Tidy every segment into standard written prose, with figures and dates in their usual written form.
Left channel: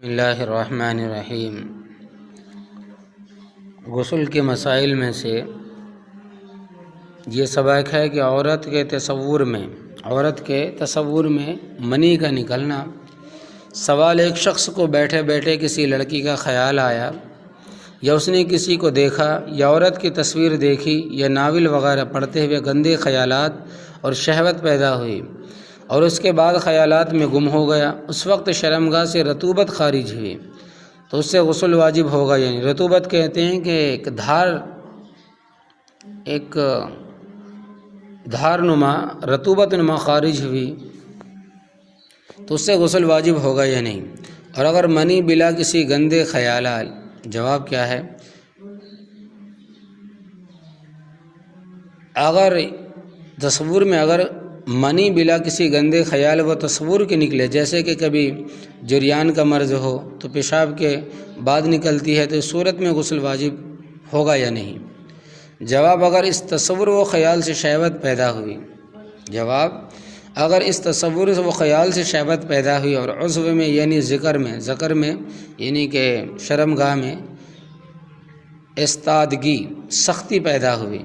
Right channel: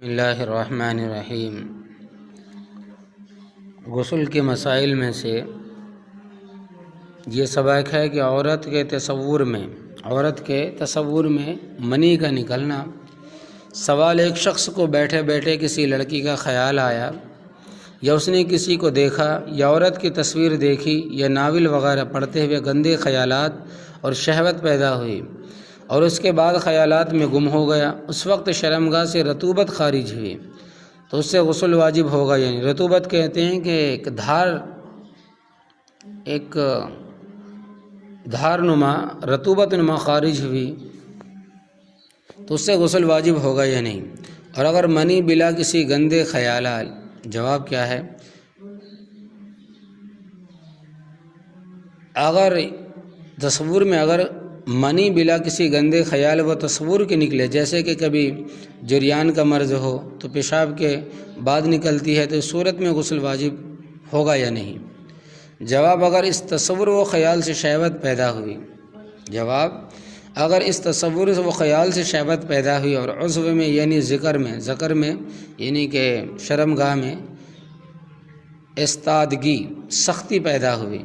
بسم اللہ الرحمن الرحیم۔ غسل کے مسائل میں سے یہ سبق ہے کہ عورت کے تصور میں منی کا نکلنا۔ سوال: ایک شخص کو بیٹھے بیٹھے کسی لڑکی کا خیال آیا، یا اس نے کسی کو دیکھا یا عورت کی تصویر دیکھی یا ناول وغیرہ پڑھتے ہوئے گندے خیالات اور شہوت پیدا ہوئی، اور اس کے بعد خیالات میں گم ہو گیا۔ اس وقت شرمگاہ سے رطوبت خارج ہوئی تو اس سے غسل واجب ہوگا۔ یعنی رطوبت کہتے ہیں کہ ایک دھار نما رطوبت نما خارج ہوئی تو اس سے غسل واجب ہوگا یا نہیں۔ اور اگر منی بلا کسی گندے خیالات، جواب کیا ہے؟ اگر تصور میں منی بلا کسی گندے خیال و تصور کے نکلے، جیسے کہ کبھی جریان کا مرض ہو تو پیشاب کے بعد نکلتی ہے، تو اس صورت میں غسل واجب ہوگا یا نہیں؟ جواب: اگر اس تصور و خیال سے شہوت پیدا ہوئی، شہوت پیدا ہوئی اور عضو میں یعنی ذکر میں یعنی کہ شرمگاہ میں استادگی، سختی پیدا ہوئی،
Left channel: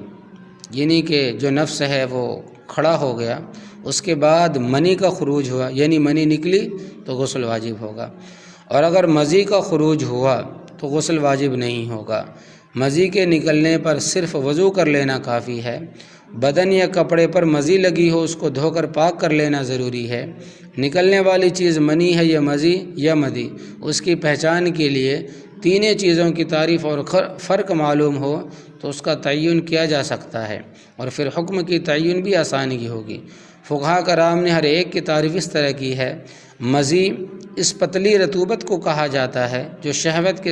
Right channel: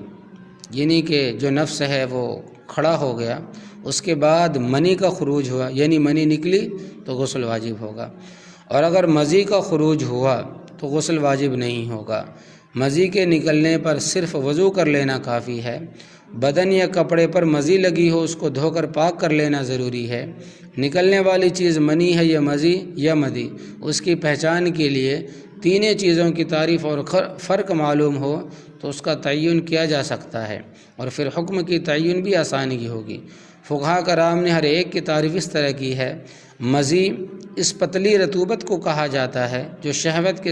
یعنی کہ جو نفس ہے وہ کھڑا ہو گیا، اس کے بعد منی کا خروج ہوا، یعنی منی نکلی تو غسل واجب ہوگا۔ اور اگر مزی کا خروج ہوا تو غسل واجب نہیں ہوگا۔ مزی کے نکلنے پر صرف وضو کر لینا کافی ہے۔ بدن یا کپڑے پر مزی لگی ہو اس کو دھو کر پاک کر لینا ضروری ہے۔ نکلنے والی چیز منی ہے یا مزی یا مدی، اس کی پہچان کے لیے تینوں چیزوں کی تعریف اور فرق معلوم ہو تو اس کا تعین کیا جا سکتا ہے، اور پھر حکم کی تعین بھی آسانی ہوگی۔ فقہاء کرام نے ہر ایک کی تعریف اس طرح کی ہے۔ مزی اس پتلی رطوبت کو کہا جاتا ہے جو شہوت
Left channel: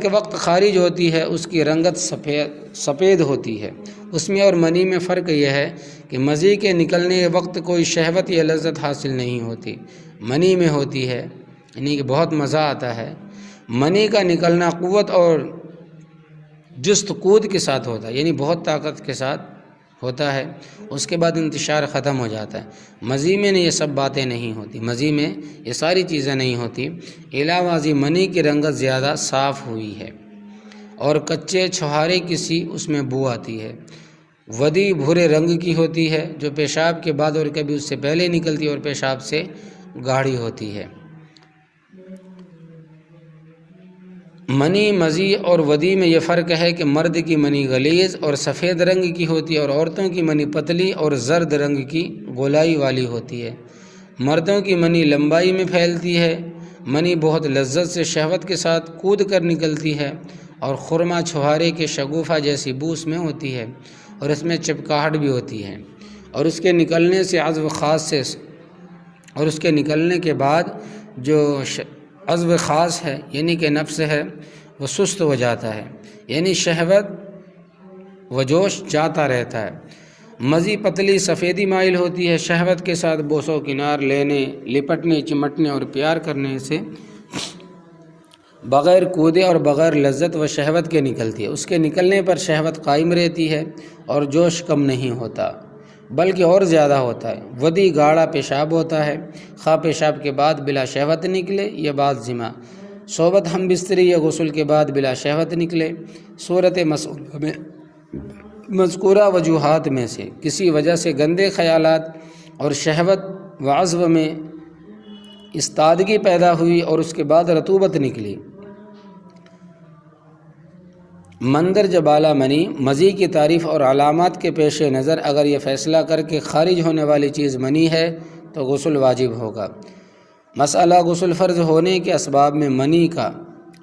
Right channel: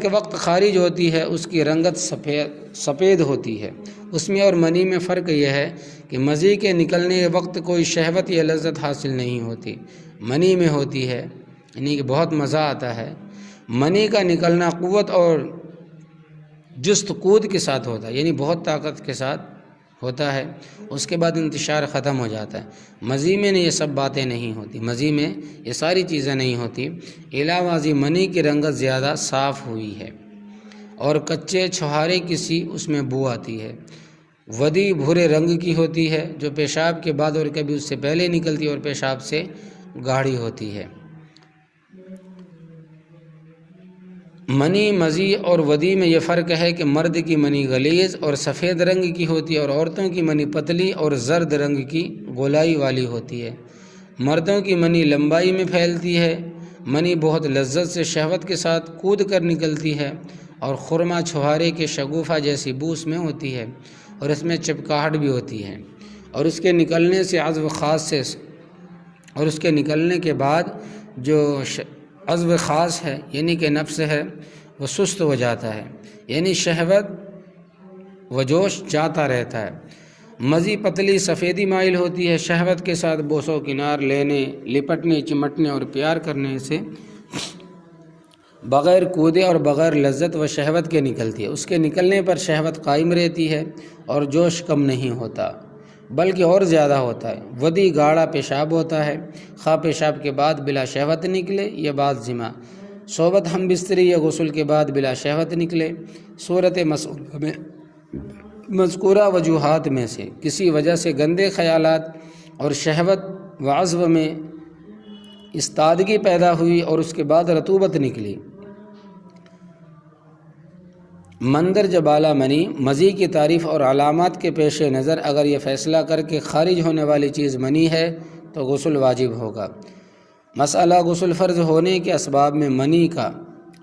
کے وقت خارج ہوتی ہے، اس کی رنگت سفید ہوتی ہے۔ اس میں اور منی میں فرق یہ ہے کہ مزی کے نکلنے وقت کوئی شہوت یا لذت حاصل نہیں ہوتی، منی میں ہوتی ہے، یعنی کہ بہت مزہ آتا ہے۔ منی کا نکلنا قوت اور جست کود کے ساتھ ہوتا ہے، یعنی بہت طاقت کے ساتھ ہوتا ہے، اس کے بعد انتشار ختم ہو جاتا ہے۔ مزی میں یہ سب باتیں نہیں ہوتی، مزی میں یہ ساری چیزیں نہیں ہوتی۔ علاوہ ازیں منی کی رنگت زیادہ صاف ہوئی ہے اور کچے چھوہارے کسی اس میں بو آتی ہے۔ ودی بھورے رنگ کی ہوتی ہے جو پیشاب کے بعد اور کبھی اس سے پہلے نکلتی ہے اور پیشاب سے گاڑھی ہوتی ہے۔ منی، مزی اور ودی میں یہ فرق ہے کہ مرد کی منی غلیظ اور سفید رنگ کی ہوتی ہے اور عورتوں کی منی پتلی اور زرد رنگ کی گولائی والی ہوتی ہے۔ مردوں کی منی لمبائی میں پھیلتی ہے۔ منی بہت لذت سے شہوت کے ساتھ کود کر نکلتی ہے اور خرما چھوہارے کے شگوفہ جیسی بو اس میں ہوتی ہے، اور اس میں چپکاہٹ بھی ہوتی ہے، اور اس کے نکلنے سے عضو خاص سے اور اس کے نکلنے کے بعد جو عضو خاص ہے یعنی کہ نفس ہے وہ سست ہو جاتا ہے، یعنی شہوت و جوش جاتا رہتا ہے۔ مزی پتلی سفیدی مائل ہوتی ہے، شہوت کے ساتھ بوس و کنار لینے، لپٹنے، چمٹنے اور پیار کرنے سے بغیر کودے اور بغیر لذت و شہوت کے نکلتی ہے۔ اس کے نکلنے پر شہوت قائم رہتی ہے اور جوش کم نہیں ہوتا بلکہ اور زیادہ ہوتا ہے۔ ودی گاڑھا پیشاب ہوتا ہے، خواہ پیشاب کے بعد بلا شہوت نکلے یا بعد جمع، صحبت ہم بستری یا غسل کے بعد بلا شہوت نکلے۔ صورت مذکورہ وجوہات میں سے کسی وجہ سے گندے خیالات اور شہوت و عضو میں استادگی پیدا ہوئی اور اس کے بعد رطوبت نکلی، مندرجہ بالا منی، مزی کی تعریف اور علامات کے پیش نظر اگر یہ فیصلہ کر کے خارج ہونے والی چیز منی ہے تو غسل واجب ہوگا۔ مسئلہ غسل فرض ہونے کے اسباب میں منی کا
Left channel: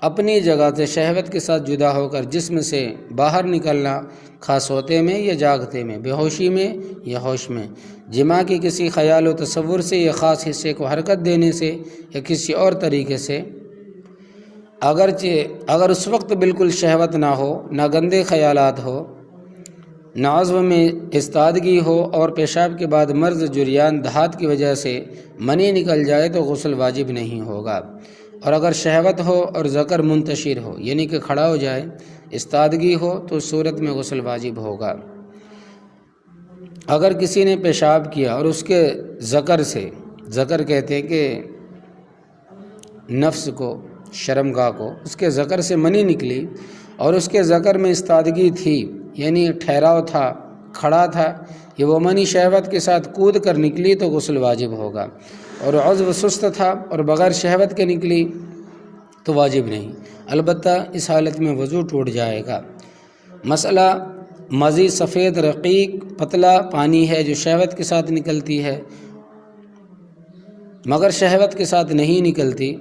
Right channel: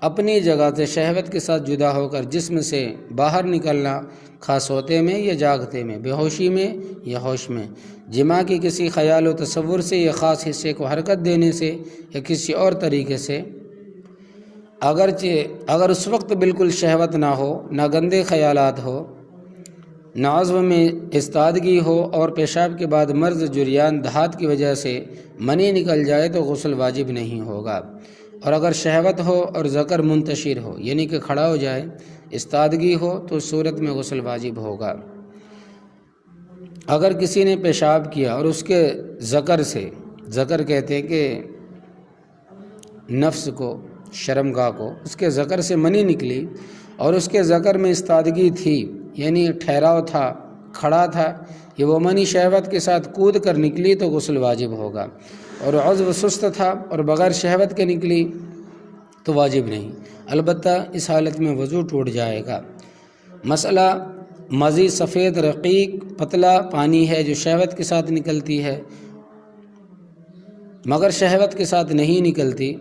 اپنی جگہ سے شہوت کے ساتھ جدا ہو کر جسم سے باہر نکلنا، خاص سوتے میں یا جاگتے میں، بے ہوشی میں یا ہوش میں، جماع کے کسی خیال و تصور سے یا خاص حصے کو حرکت دینے سے یا کسی اور طریقے سے، اگر اس وقت بالکل شہوت نہ ہو، نہ گندے خیالات ہو، نہ عضو میں استادگی ہو اور پیشاب کے بعد مرض جریان دھات کی وجہ سے منی نکل جائے تو غسل واجب نہیں ہوگا۔ اور اگر شہوت ہو اور ذکر منتشر ہو یعنی کہ کھڑا ہو جائے، استادگی ہو تو اس صورت میں غسل واجب ہوگا۔ اگر کسی نے پیشاب کیا اور اس کے ذکر سے، ذکر کہتے ہیں کہ نفس کو، شرمگاہ کو، اس کے ذکر سے منی نکلی اور اس کے ذکر میں استادگی تھی، یعنی ٹھہراؤ تھا، کھڑا تھا، یہ وہ منی شہوت کے ساتھ کود کر نکلی تو غسل واجب ہوگا، اور عضو سست تھا اور بغیر شہوت کے نکلی تو واجب نہیں، البتہ اس حالت میں وضو ٹوٹ جائے گا۔ مسئلہ مزید سفید رقیق پتلا پانی ہے جو شہوت کے ساتھ نکلتی ہے مگر شہوت کے ساتھ نہیں نکلتی،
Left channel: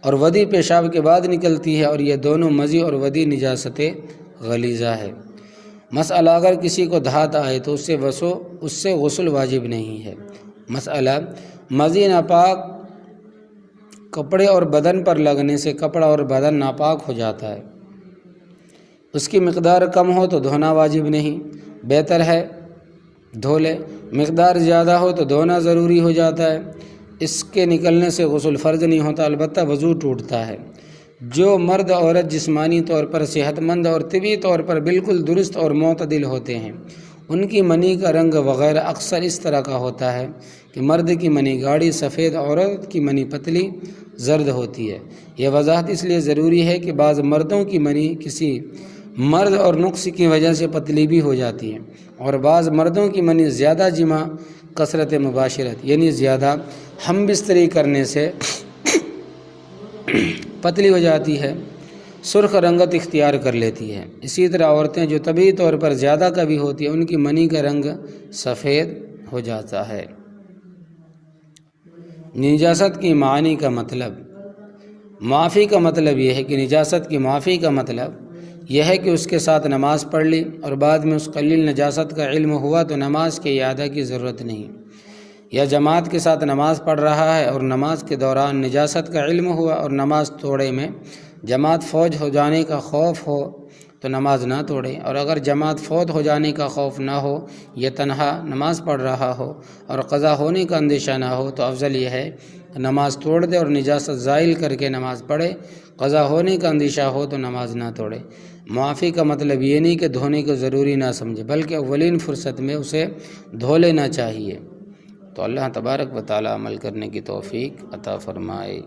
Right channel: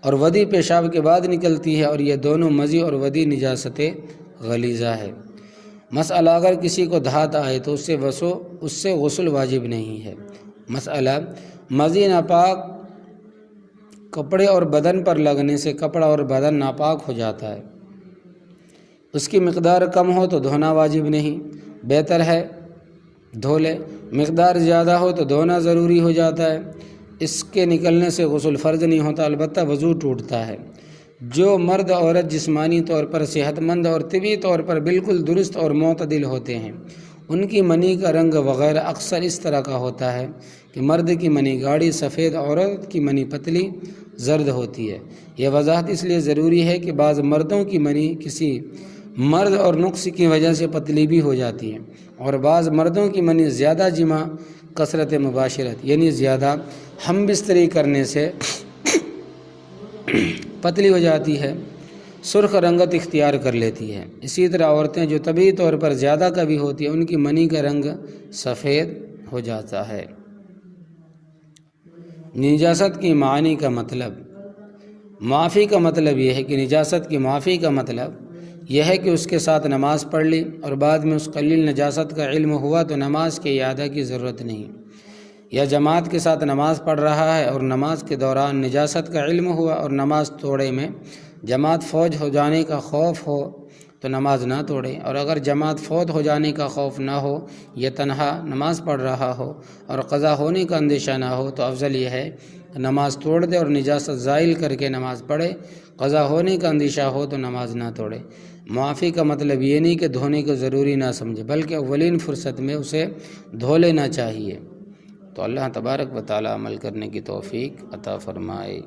اور ودی پیشاب کے بعد نکلتی ہے، اور یہ دونوں مزی اور ودی نجاست غلیظہ ہے۔ مسئلہ اگر کسی کو دھات آئے تو اس سے غسل واجب نہیں ہے۔ مسئلہ مزی ناپاک کپڑے اور بدن پر لگنے سے کپڑا اور بدن ناپاک ہو جاتا ہے، اس کی مقدار کم ہو تو دھونا واجب نہیں، بہتر ہے دھو لے، مقدار زیادہ ہو تو دھونا ضروری ہو جاتا ہے، اس کے نکلنے سے غسل فرض نہیں ہوتا، البتہ وضو ٹوٹتا ہے۔ جو مرد عورت جسمانی طور پر صحت مند اور طبی طور پر بالکل درست اور معتدل ہوتے ہیں، ان کی منی کا رنگ وغیرہ اکثر اس طرح کا ہوتا ہے کہ مرد کی منی گاڑھی سفید، عورت کی منی پتلی زرد ہوتی ہے۔ یہ وضاحت اس لیے ضروری ہے کہ بعض مردوں کی منی کسی مرض اور نقص کی وجہ سے پتلی بھی ہو جاتی ہے، اور بعض مردوں کی منی زیادہ جماع، کثرت مباشرت یعنی زیادہ ہم بستری کرنے سے پتلی ہو جاتی ہے، سرخ رنگت اختیار کر لیتی ہے۔ اسی طرح عورتیں جو طبعی طور پر زیادہ کبھی ہوتی ہیں ان کی منی کا رنگ سفید ہو جاتا ہے۔ نجاست کی معنی کا مطلب، معافی کا مطلب یہ ہے کہ نجاست کی معافی کا مطلب یہ ہے کہ اس کے ساتھ نماز پڑھ لی اور بعد میں اس قلیل نجاست کا علم ہوا تو نماز کے اعادہ کی ضرورت نہیں، یا جماعت کے ساتھ نماز پڑھ رہا ہے اور نماز کے دوران نجاست کا علم ہوا اور نماز توڑے میں جماعت فوت ہو جانے کا خوف ہو تو نماز نہ توڑے، اور اگر جماعت فوت ہو جانے کا خوف نہ ہو، یہ تنہا نماز پڑھ رہا ہو اور قضا ہونے کا اندیشہ نہ ہو تو افضل یہ ہے کہ نماز توڑ دے اور نجاست زائل کر کے نماز پڑھے، قضا ہونے کا اندیشہ ہو تو نماز نہ توڑے۔ معافی کا مطلب یہ نہیں کہ دھونے کو ضروری نہ سمجھے، بلکہ اولین فرصت میں اسے دھو لینا چاہیے۔ تو اللہ تبارک و تعالی عمل کرنے کی توفیق عطا فرمائے۔